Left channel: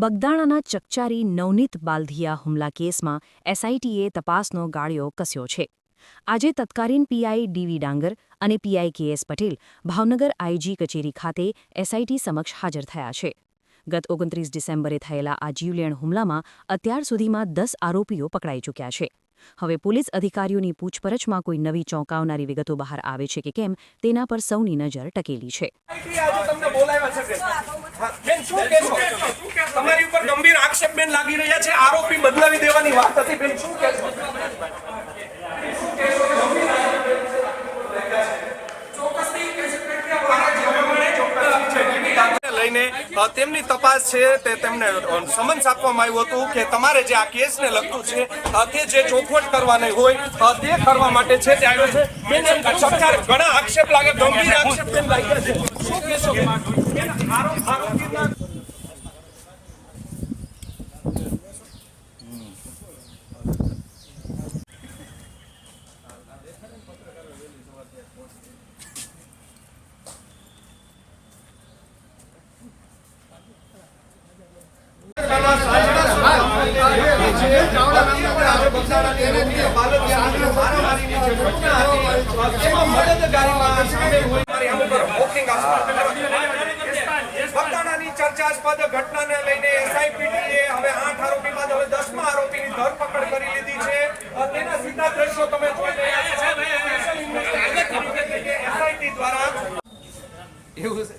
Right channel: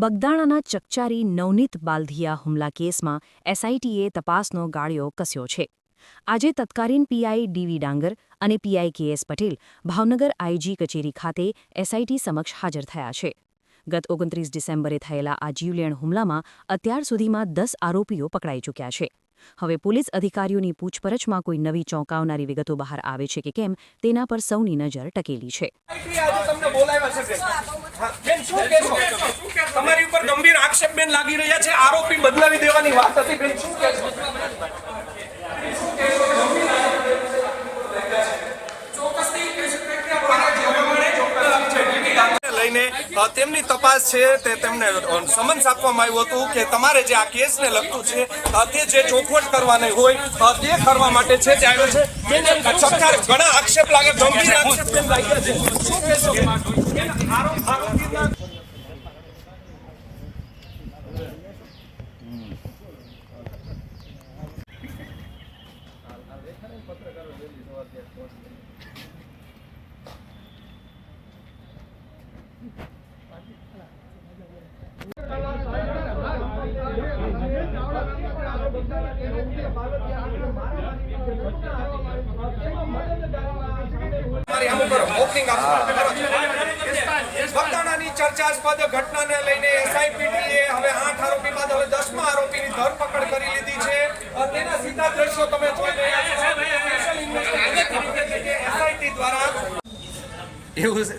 બગદાણાના ચકચારી નવનીત બાલધિયા હુમલા કેસમાં એસઆઈટીએ તપાસનો ગાળિયો કસ્યો છે. આજે તત્કાલીન પીઆઈ ડીવી ડાંગર અને PI KS Patel Bhavnagar IG કચેરી ખાતે એસઆઈટી સમક્ષ હાજર થયા છે. ગત ઓગણત્રીસ ડિસેમ્બરે થયેલા આ જીવલેણ હુમલામાં અત્યાર સુધીમાં દસ આરોપીઓ પકડાઈ ચૂક્યા છે. હવે પોલીસ અધિકારીઓની પૂછપરછમાં કોઈ નવી ચોંકાવનારી વિગતો બહાર આવે છે કે કેમ, તેના પર સૌની નજર ટકેલી છે તમને બોલાવ્યા છે બેન. બેન શું કહેશો તમારી ઉપર ગંભીર આક્ષેપ બેન લાગી રહ્યા છે. આરોપી બદલાવી દેવાની વાત હતી બેન. શું કહે તેમની તપાસ છે તે તેમને સમન્સ આપવામાં આવ્યું હતું કે તમારે જે આ કેસને લગતું છે તે જે ચોખવટ કરવાની હોય તે કરવા માટે છે જે આવ્યું છે. સરકાર ઘણા આક્ષેપ લાગે ગંભીર આક્ષેપ લાગ્યા છે શું કહેશો બેન? બેન, આરોપ- આરોપીના બગદાણાની ઘટના ને લઈને એસઆઈપીટી It was